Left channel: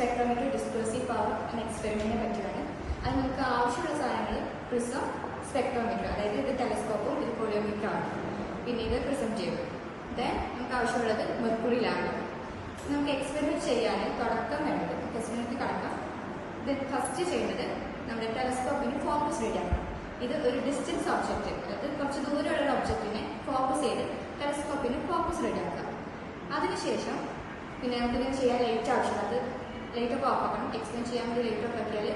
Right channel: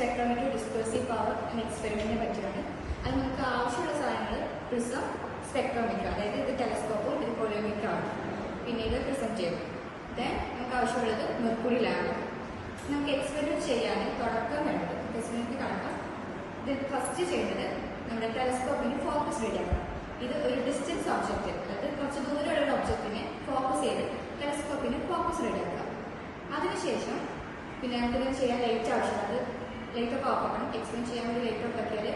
Spectrometer, ഡിസ്പേഴ്സീവ് power എന്ന എക്സ്പെരിമെന്റിനെ പറ്റിയാണ്. അത് നമുക്ക് ആവശ്യമുള്ള സാധനങ്ങൾ പ്രിസം, സ്പെക്ട്രോമീറ്റർ, അതായത് ഇത് ടെലസ്കോപ്പും ഇത് കൊളിയോമീറ്ററാണ്. പിന്നെ ഇത് പ്രിസം ചെയ്യും. ദെൻ നമുക്ക് ആവശ്യമുള്ളത് മെർക്കുറി ലാമ്പ്. നമുക്ക് എക്സ്പെരിമെന്റ് ചെയ്യാൻ തുടക്കം വേണ്ടത് എക്സ്പെരിമെന്റ് കാണാം. ഇത് ഫസ്റ്റ് ചെയ്യുന്നത് നമ്മുടെ ടെലസ്കോപ്പിന് ഫോക്കസ് റെഡിയാക്കണം. ഇത് ഒരു ഡിസ്റ്റൻസ് ഒബ്ജക്റ്റ്, അതായത് കുറച്ച് ദൂരമുള്ള ഒബ്ജക്റ്റിനെ ഫോക്കസ് ചെയ്ത് ടെലസ്കോപ്പിന് ഫോക്കസ് റെഡിയാക്കാം. അതിനുശേഷം പിന്നെ നമുക്കിങ്ങനെ ചെയ്യാൻ ലൈറ്റ് ആവശ്യമാണ്. അത് ലൈറ്റ് ഒക്കെ ഓഫ് ആക്കണം. എക്സ്പെരിമെന്റ് ചെയ്യാൻ വേണ്ടി ലൈറ്റ് ഓഫ് ആക്കിയാൽ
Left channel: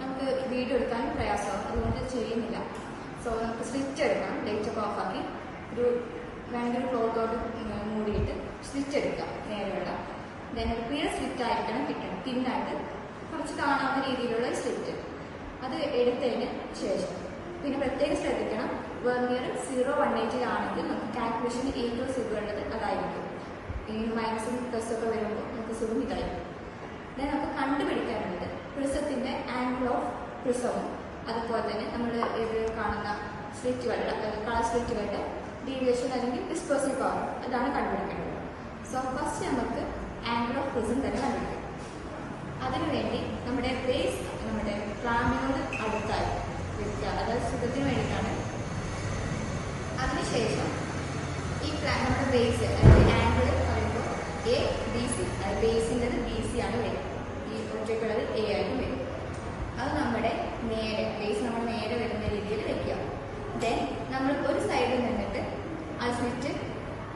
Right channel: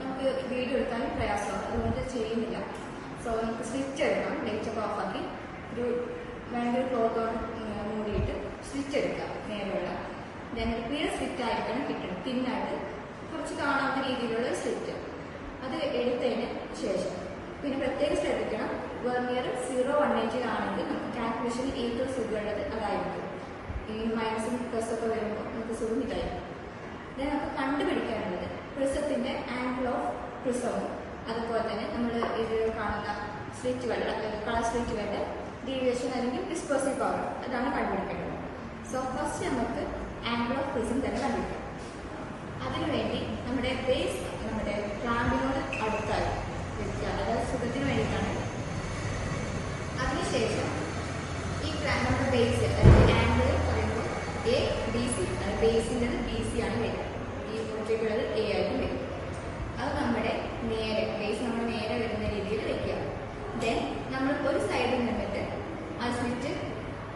നമുക്ക് വീഡിയോ എടുക്കാനും പ്രയാസമാണ്. അതുകൊണ്ട് ചെയ്യുന്നില്ല. സോ നമുക്ക് സ്വിച്ച് എടുക്കാം. ലൈറ്റ് ഒക്കെ ഓഫ് ആക്കി ഒരു വേണ്ട ക്ലോത്തോട്ട് മൂടിയിട്ട് സ്വിച്ച് എടുക്കാം നേരെയുള്ള. ദെൻ ഒരു ക്ലിയർ സ്ലിറ്റ് ആയിരിക്കണം കിട്ടണം. തിന്നായിട്ട് കുറച്ച് കാണാവുന്ന രീതിയിലുള്ള സ്ലിറ്റ്. അത് എടുത്തതിന് ശേഷം പിന്നെ പ്രത്യേകം ശ്രദ്ധിക്കണം, വെർനിയർ 0-180 നമുക്ക് കാൽക്കുലേഷൻ ഏറ്റവും സുഖമുള്ളത് അതായിരിക്കും. ഈ മൈനസും പ്ലസൊക്കെ വരുമ്പോൾ നമുക്ക് സുഖം ഇതായിരിക്കും. ദെൻ നമുക്ക് കണ്ടുപിടിക്കാനുള്ളത് പ്രിസത്തിന്റെ ആംഗിൾ ഓഫ് പ്രിസവും അതുപോലെ തന്നെ നമ്മൾ ഇത് കാണുന്ന സ്ലിറ്റുകളുടെ കളർ സ്ലിറ്റുകളുടെ ഡീവിയേഷൻ അല്ലെങ്കിൽ ഡിസ്പേഴ്സീവ് പവർ, അതാണ് കണ്ടുപിടിക്കേണ്ടത്. സോ ഫസ്റ്റ് നമുക്ക് ആംഗിൾ ഓഫ് പ്രിസം തന്നെ കണ്ടുപിടിക്കാം. അതിനുവേണ്ടി നമ്മുടെ ബേസ് നമ്മുടെ പ്ലാമ്പിനോട് അടുത്തായി വെക്കുക, അതായത് സുഖത്തിന് വേണ്ടിയിട്ടാണ്. അതിനുശേഷം ഈ നമ്മുടെ ബേസ് അതായത് ആംഗിൾ പറയുമ്പോൾ ABC, അതായത് ബേസിൻ്റെ BC ആണ് വരിക. ഈ ഒറ്റയ്ക്കുള്ളത് A ആയിട്ട് വരും. അത് നമ്മുടെ നേരെ ബേസ് നമ്മൾ നേരെ വരുന്ന രീതിയിൽ വെക്കുക. ദെൻ നമ്മൾ ഒരു സൈഡിൽ നിന്നിട്ട് ആ സ്വിച്ച്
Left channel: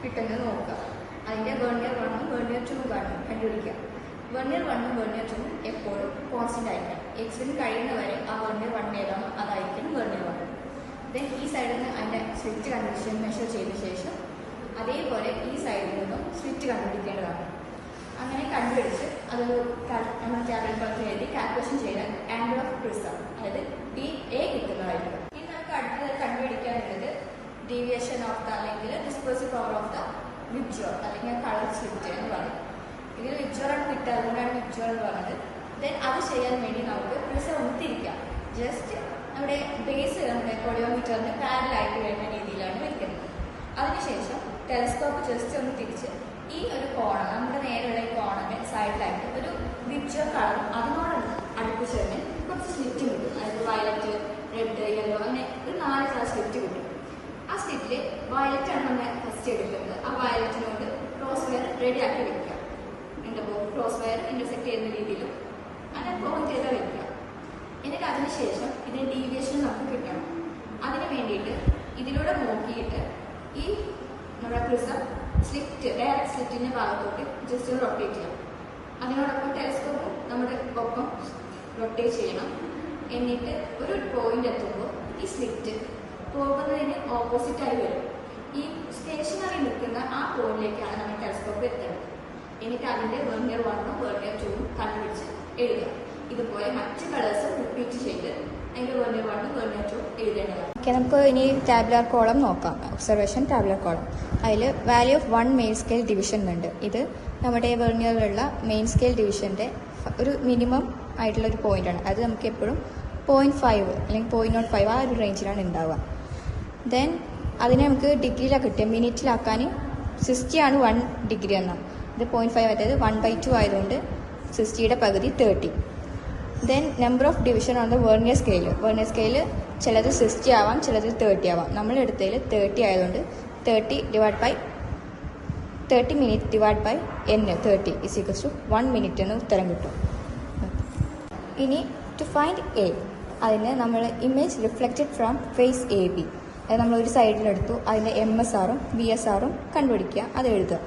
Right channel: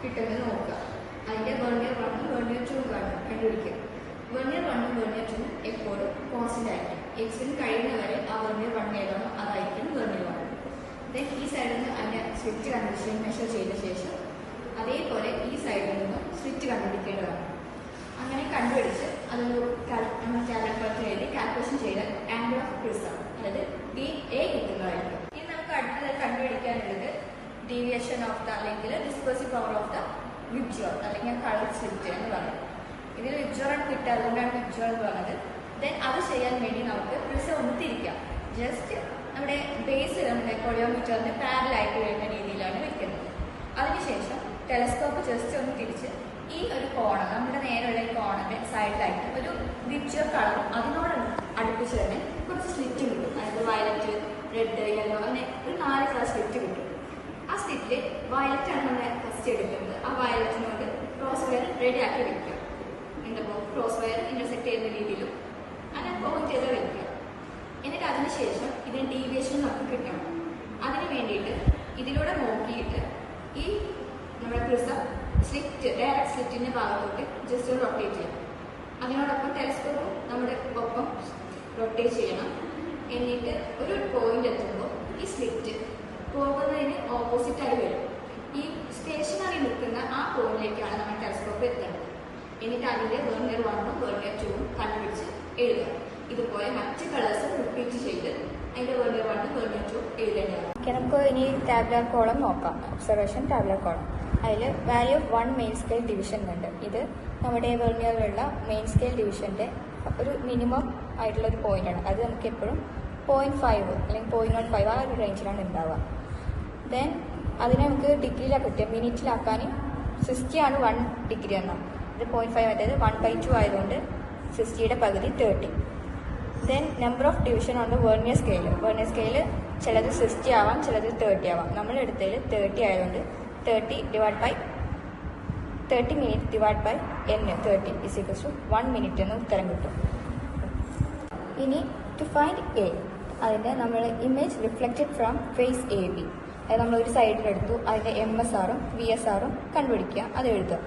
കിട്ടുന്നത് നോക്കുക. അതിൻ്റെ വെർനിയർ 1ഉം വെർനിയർ 2ഉം കണ്ടുപിടിക്കുക. വെർനിയർ 1ഉം വെർനിയർ 2ഉം എപ്പോഴും കോൺസ്റ്റന്റ് ആയിരിക്കണം. എക്സ്പെരിമെന്റ് കഴിയുന്നവരെ ആ വെർനിയർ 1 ഏതാണോ അതായിരിക്കും വെർനിയർ 1. ദെൻ ഈ സൈഡിൽ നിന്ന് അതിൻ്റെ സ്വിച്ച് കണ്ടുപിടിച്ച് മെഷർ ചെയ്ത ശേഷം അതേപോലെ ഈ സൈഡിൽ നിന്നും സ്വിച്ച് കണ്ടുപിടിക്കേണ്ടതാണ്. അങ്ങനെ കണ്ടുപിടിച്ച് അതൊരു നമ്മൾ കാൽക്കുലേറ്ററിൽ എഴുതി കാൽക്കുലേഷൻ ചെയ്താൽ ആംഗിൾ ഓഫ് പ്രിസം അതായത് DA കിട്ടുന്നതായിരിക്കും. ഇനി നമുക്ക് അടുത്തത് കണ്ടുപിടിക്കാനുള്ളത് ഡീവിയേഷൻ ഓഫ് ദ അല്ലെങ്കിൽ ഡിസ്പേഴ്സീവ് പവർ ഓഫ് ദ വിബ്ജ്വർ അല്ലെങ്കിൽ കളർ സ്ലിറ്റ് എന്ന് പറയും. ഇതിൽ വിബ്ജ്വർ ആണ് കിട്ടുക, അതുകൊണ്ടാണ് വിബ്ജ്വർ എന്ന് പറഞ്ഞത്. ദെൻ അത് ചെയ്യാൻ വേണ്ടി നമുക്ക് പ്രിസം ഒന്ന് തിരിക്കാം. ജസ്റ്റ് നമ്മുടെ ബേസ് നമ്മുടെ കൊളിയോമീറ്ററിന് പാരലായിട്ട് വരുന്ന രീതിയിലാണ് വെക്കുന്നത്. അതിനുശേഷം ടെലസ്കോപ്പ് ജസ്റ്റ് ഒന്ന് തിരിച്ച് ഈ ഒരു കോണ് നമ്മുടെ നേരെയുള്ള ഈ കോണിന്റെ സൈഡിലായിട്ട് ഒരു വിബ്ജ്വർ കളറും അതിനോട് അടുപ്പിച്ച് തന്നെ കുറച്ച് സ്ലിറ്റ് കിട്ടും. അതായത് വയലറ്റ്, റെഡ്, യെല്ലോ അങ്ങനെ ഒരു 4 കളർ സ്ലിറ്റ് കിട്ടും. ആ സ്ലിറ്റിൽ വയലറ്റ് ആണ് നമ്മൾ ഫസ്റ്റ് എടുക്കുന്നത്. ആ വയലറ്റിനോട് ക്രോസ് വയർ റെഡിയാക്കി വെക്കുക. ക്രോസ് വയർ ഇന്റർസെക്ട് ചെയ്യുന്ന രീതിയിലും അങ്ങനെ പോയിന്റ് ചെയ്ത് വെക്കുക. എന്നിട്ട് അതിനുശേഷം ഇതിന് ഡീവിയേഷൻ നമുക്ക് കിട്ടണം. അതിന് വേണ്ടിയിട്ട് ഇതിലൂടെ നോക്കിയിട്ട് ഈ നമ്മുടെ പ്രിസം സ്ലിറ്റ് ഡയറക്റ്റ് സ്ലിറ്റിന്റെ ഭാഗത്തോട്ട് ജസ്റ്റ് ഒന്ന് റൊട്ടേറ്റ് ചെയ്യാം. അതിനോടൊപ്പം ടെലസ്കോപ്പും നമ്മുടെ ഒപ്പം റൊട്ടേറ്റ് ചെയ്യണം. എന്നിട്ട് ഒരു പോയിന്റ് എത്തുമ്പോൾ ഈ സ്ലിറ്റ് പോകുന്നതിന് ഓപ്പോസിറ്റായി വരും. ഈ സ്റ്റേഷനറി നിൽക്കുന്ന ആ പോയിന്റിലേക്കാണ് നമ്മൾ ടെലസ്കോപ്പ് എത്തുന്നത്. എന്നിട്ട് അതിന്റെ വെർനിയർ 1ഉം വെർനിയർ 2ഉം കണ്ടുപിടിച്ച് എഴുതുക. ഇതുപോലെ മറ്റ് കളേഴ്സ് റിപ്പീറ്റ് ചെയ്ത് അതിന്റെ വെർനിയർ 1ഉം വെർനിയർ 2ഉം എഴുതേണ്ടതാണ്. നമുക്ക് ഇനി ടാബുലാർ കോളം നോക്കാം. Observation tabular column. അതിൽ value of 1 main scale division ഉണ്ട്. ഇത് നമ്മുടെ വെർനിയറിലുള്ള മെയിൻ സ്കെയിൽ ഡിവിഷന്റെ ഒരു മിനിമം ആയിട്ടുള്ള ഒരു പോയിന്റ് ആണ്. അത് നമുക്ക് എപ്പോഴും 0.5 അല്ലെങ്കിൽ 0.15 ആ ഒരു റേഞ്ചിലാണ് ഉണ്ടാവുക. ദെൻ അതിനെ നമുക്ക് ഡിഗ്രിയിലാണ് കിട്ടുക. മിനിറ്റിലാക്കാൻ 60 ആണ് 1 ഡിഗ്രി ആണ്. ഇത് 0.5 അതായത് 1/2 ആയതുകൊണ്ട് 60യുടെ പകുതി 30. ദെൻ നമ്പർ ഓഫ് ഡിവിഷൻ ആണ് വെർനിയർ സ്കെയിൽ. വെർനിയർ സ്കെയിൽ ചിലത് 60 ആവാം, ചിലത് 30 ആവാം. നമ്മൾ എടുത്തതിൽ 30 ആയതുകൊണ്ട് 30 minute divide by n 30 = 1 minute എന്ന് ഉത്തരം കിട്ടും. ഇനി ടു ഫൈൻഡ് A അതിന് നമ്മൾ image reflected from face AB നമ്മളൊരു സൈഡിലെടുത്തു. അതിൻ്റെ MSRഉം VSRഉം കണ്ടുപിടിക്കുക, അത് എഴുതുക.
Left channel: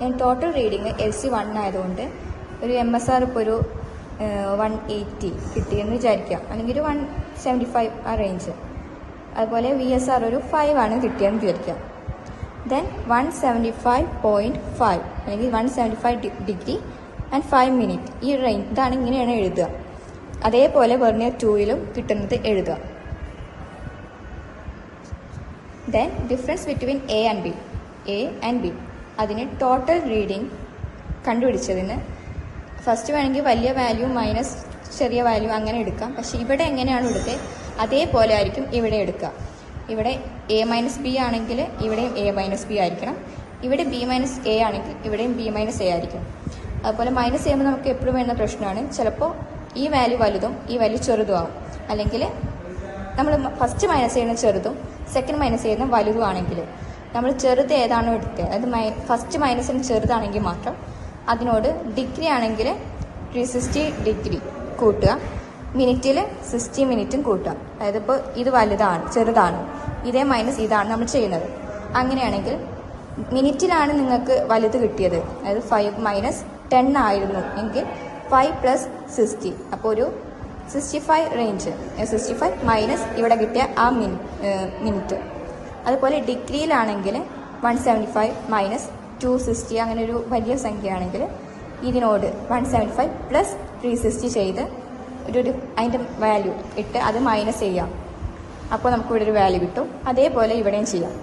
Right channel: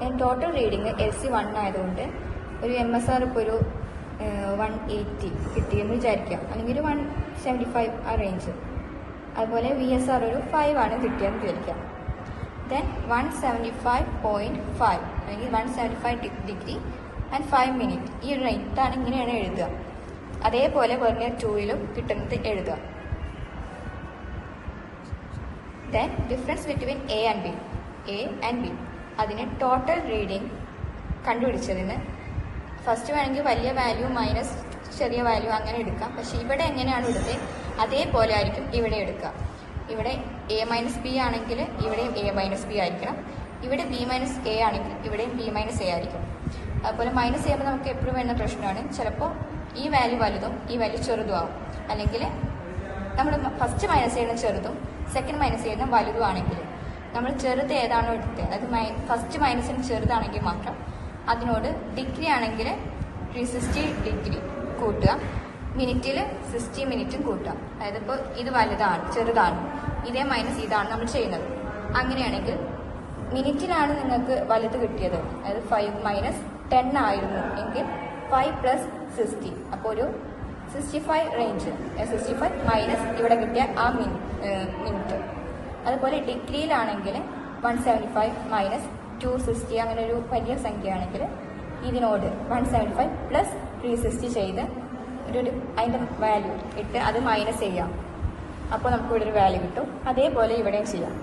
ഞാൻ ടോട്ടൽ റീഡിങ് LC 1 ആയതുകൊണ്ട് ഒരു MSR ഇപ്പോൾ ഒരു 180 കിട്ടിയെന്ന് വിചാരിക്കാം, അല്ലെങ്കിൽ ഒരു 175 ആ റേഞ്ച്. അതുപോലെ VSR ഒരു 5 ആണ് കിട്ടിയെന്ന് വിചാരിക്കാം. ദെൻ 175.5 അല്ലെങ്കിൽ 175 ഡിഗ്രി ആൻഡ് 5 മിനിറ്റ് ഈ റേഞ്ച് ഇതാണ്, ഇങ്ങനെയാണ് എഴുതുക. അതേപോലെ വെർനിയർ 2ലും കിട്ടുന്നത് എഴുതുക. Then difference between A and B അതിന് ടോട്ടൽ റീഡിങ് കണ്ടുപിടിച്ചതിന് ഫസ്റ്റ് വേണമെങ്കിൽ വലിയ വാല്യൂ മൈനസ് ചെറിയ വാല്യൂ അങ്ങനെ എടുക്കാം. പക്ഷെ ഇവിടെ എങ്ങനെയാണ് എടുത്തത് അതേപോലെ ആയിരിക്കും ഇവിടെ എടുക്കുക. ഇവിടെ A-B ആണെങ്കിൽ ഇവിടെയും A-B ആയിരിക്കണം. ഇവിടെ B-A ആണെങ്കിൽ ഇവിടെയും B-A ആയിരിക്കും. അതുപോലെ മൈനസ് ചെയ്യുമ്പോൾ നമുക്ക് എപ്പോഴും വരുന്ന പ്രശ്നമാണ്, ചിലപ്പോൾ ഈ വാല്യൂ വലുതും ഈ വാല്യൂ ചെറുതുമാകും. അല്ലെങ്കിൽ നമ്മൾ ഫസ്റ്റ് മൈനസ് ചെയ്യുന്ന ചെറുതും സെക്കൻഡ് മൈനസ് ചെയ്യുന്ന വലുതും ആണെങ്കിൽ നമ്മൾ ചെറുത് ഏതാണോ എടുത്തത്, അതായത് ഫസ്റ്റ് മൈനസിന് ചെറുതാണെങ്കിൽ മാത്രം അതിനോട് ഡിഗ്രി ആണെങ്കിൽ 360 ഡിഗ്രി കൂട്ടുക, മിനിറ്റിൽ 60 മിനിറ്റും കൂട്ടുക. അതായത് ഇപ്പോൾ ഇത് വലുതാണ്, ചെറുതാണ്, ഇതേ മൈനസ് ഇതാണ് നമ്മൾ ചെയ്യുന്നത്. അങ്ങനെയാണെങ്കിൽ മിനിറ്റിലാണ് നിങ്ങൾക്ക് വലുത് കിട്ടിയത്, അതായത് 5 മൈനസ് 10 ആയിരുന്നു എങ്കിൽ 5 പ്ലസ് 60, അപ്പോൾ ഒരു 65 റേഞ്ച്, 65 മൈനസ് ഇവിടെ കിട്ടിയ ആ മിനിറ്റ്. അതുപോലെ ഡിഗ്രിയിലാണെങ്കിൽ 175 മൈനസ് 260, അങ്ങനെ ഒരു വലിയ സംഖ്യയാണെങ്കിൽ ഇതിനോട് 175 പ്ലസ് 360 ചെയ്ത് ഒരു അതിൻ്റെ വാല്യൂ ഇട്ട് അത് മൈനസ് ചെയ്യാം. അപ്പോൾ നമുക്ക് ഇവിടെ ഒരു വാല്യൂ കിട്ടും. അതേപോലെ ഇവിടെയും ചെയ്യാം.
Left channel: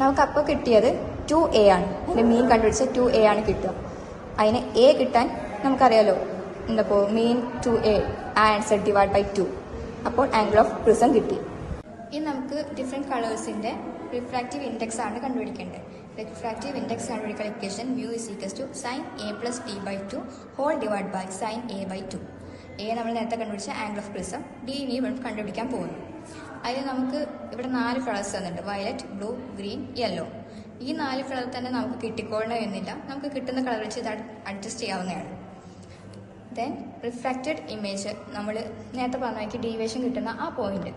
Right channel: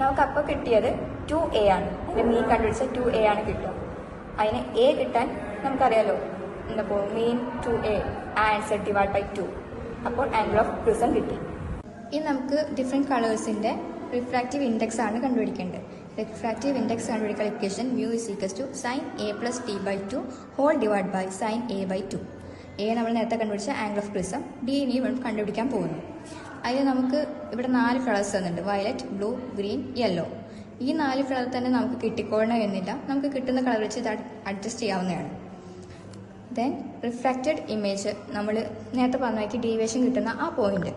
നമുക്കപ്പോൾ കിട്ടിയത് 2a ആണ്. മീൻ കണ്ടുപിടിച്ച് 2a ആണ് കിട്ടുക. അതിന് a കിട്ടാൻ നമുക്കറിയാലോ, എന്താപ്പോൾ മീൻ 2a ആൻസർ ഡിവൈഡ് ബൈ 2. അപ്പോൾ ആംഗിൾ ഓഫ് പ്രിസം കിട്ടി. ഇനി നമുക്ക് ഡിഫറെൻറ്റ് കളേഴ്സിൻ്റെ റിഫ്രാക്റ്റീവ് ഇൻഡെക്സ് ആണ് കണ്ടുപിടിക്കേണ്ടത്. റിഫ്രാക്റ്റീവ് ഇൻഡെക്സ് കണ്ടുപിടിക്കാൻ equation mu is equals to sin a plus d by 2 whole divided by sin a by 2. a നമ്മൾ നേരത്തെ കണ്ടുപിടിച്ച ആംഗിൾ ഓഫ് പ്രിസം, d കണ്ടുപിടിക്കാൻ പോകുന്നു. അതിന് നമുക്ക് ഇവിടെ 4 കളേഴ്സ് തന്നിട്ടുണ്ട്, വയലറ്റ്, ബ്ലൂ, ഗ്രീൻ, യെല്ലോ. ഈ 4 കളർ തന്നെ നമുക്ക് കിട്ടിക്കോളണമെന്നില്ല, നമുക്ക് കിട്ടുന്ന കളർ വെച്ച് ഇത് അഡ്ജസ്റ്റ് ചെയ്യാവുന്നതാണ്. ദെൻ റിഫ്രാക്റ്റഡ് ഇമേജ് നമ്മൾ നേരത്തെ പറഞ്ഞാൽ ഡീവിയേഷൻ കിട്ടുന്ന ആ പോയിന്റ്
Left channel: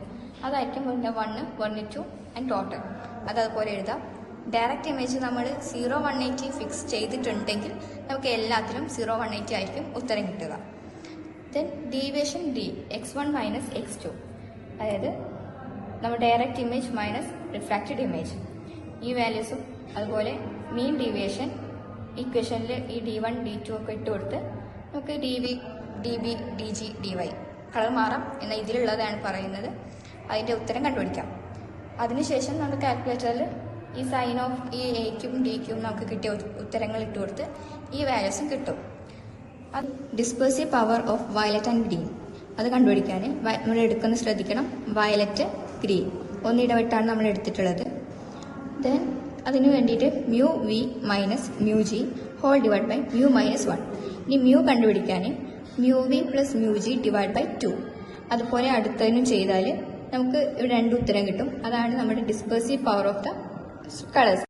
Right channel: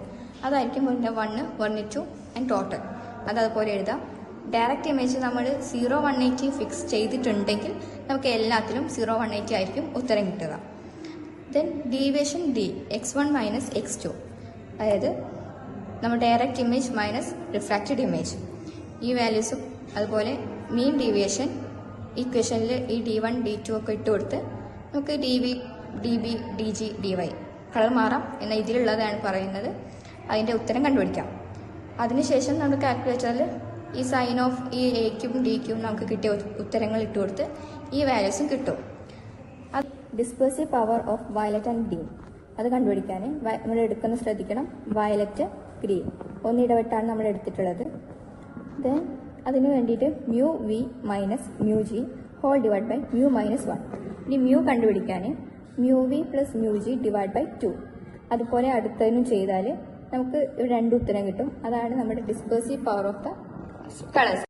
അതായിരിക്കും 1, 1, 2 ആൻഡ് ടോട്ടൽ. അതുപോലെ എഴുതാം. ഡയറക്റ്റ് ഇമേജ് നമ്മൾ 0, 180 ഫിക്സ് ചെയ്തിട്ടുണ്ടെങ്കിൽ നമുക്ക് എല്ലാത്തിലും 0, 180 ആയിരിക്കും ഉത്തരം കിട്ടുക. Then deviation d x1 minus x2, അതായത് നമ്മൾ direct image minus refracted image, ഈ വാല്യൂസും അതുപോലെ മീൻ ഡീവിയേഷൻ ഇക്വേഷനിൽ ഈ d1 d2 ഒക്കെ ഇട്ട് കൊടുത്ത് നമുക്ക് dv db dg dy colour മാറാം എന്ന ഇതിലുള്ളതാണ് പറയുന്നത്. അതിൻ്റെ ഉത്തരം കണ്ടുപിടിക്കാം. അതിനുശേഷം നമ്മൾ കാൽക്കുലേറ്ററിൽ ഈ സൈൻ ഓഫ് ഈ എക്കും ഡിക്കും നമുക്ക് കിട്ടിയ ഉത്തരങ്ങൾ ഇട്ട് കൊടുത്ത് ഈ വാല്യൂസ് കിട്ടും. അത് dispersive power of violet and green അത് കണ്ടുപിടിക്കാൻ നമ്മൾ എടുക്കുന്നത് ശ്രദ്ധിക്കണം. വയലറ്റ്, ഗ്രീൻ ഒന്നിടവിട്ടാണ് നമ്മൾ എടുത്തിട്ടുള്ളത്. ദെൻ അതിന് വേണ്ടിയിട്ട് mu v minus mu g whole divide by mu minus 1. ഈ mu കണ്ടുപിടിക്കാൻ mu v plus mu g divide by 2. അതുപോലെ അടുത്തതിനും ചെയ്താൽ നമുക്ക് ഇവിടെ 2 ഉത്തരം കിട്ടും. അതാണ് നമ്മുടെ ഡിസ്പേഴ്സീവ് പവർ ഓഫ് ദ കളേഴ്സ്.